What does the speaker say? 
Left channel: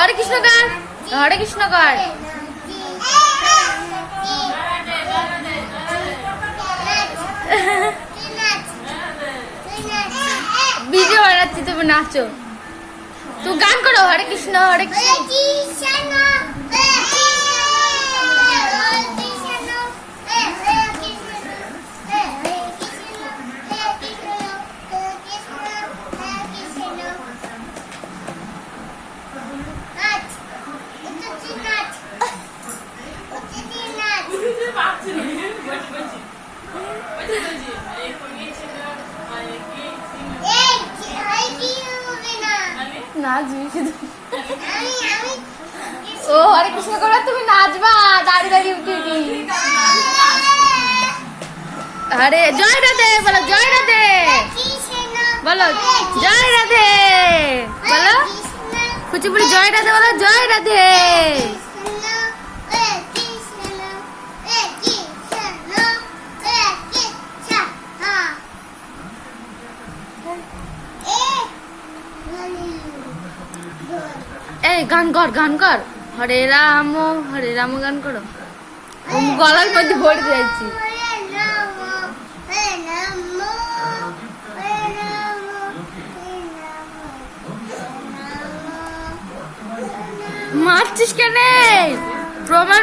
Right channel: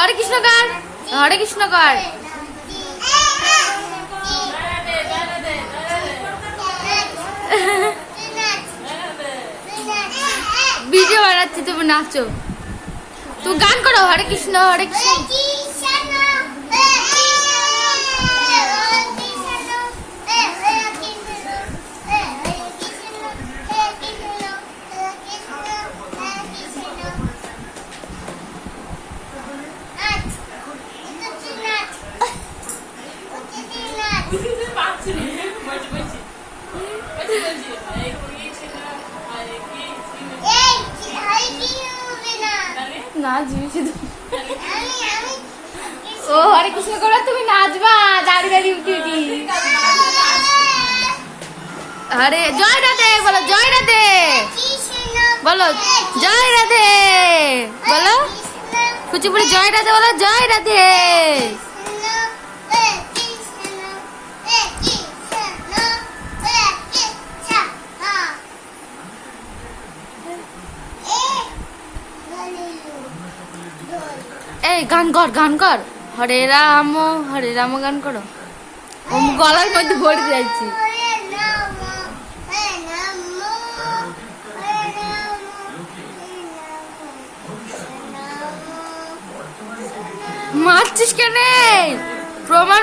হরে কৃষ্ণ গান, হরে কৃষ্ণ গান। ভিডিও বানাচ্ছি, তুমি নাচো। তুমি গান করো, হরে কৃষ্ণ হরে কৃষ্ণ। ও হরে কৃষ্ণ করো, তুমি নাচবা দাঁড়িয়ে দাঁড়িয়ে উঠি উঠি। আরে জয় রাধে বলো, জয় রাধে বলো, জয় রাধে বলো, কুচিপুরি জয় রাধে বলো, জয় রাধে। এই গান কর, গান কর, হরে রাম গান করো। গলার মধ্যে ভরে যাচ্ছি। মারছিস কেন? প্রমাণ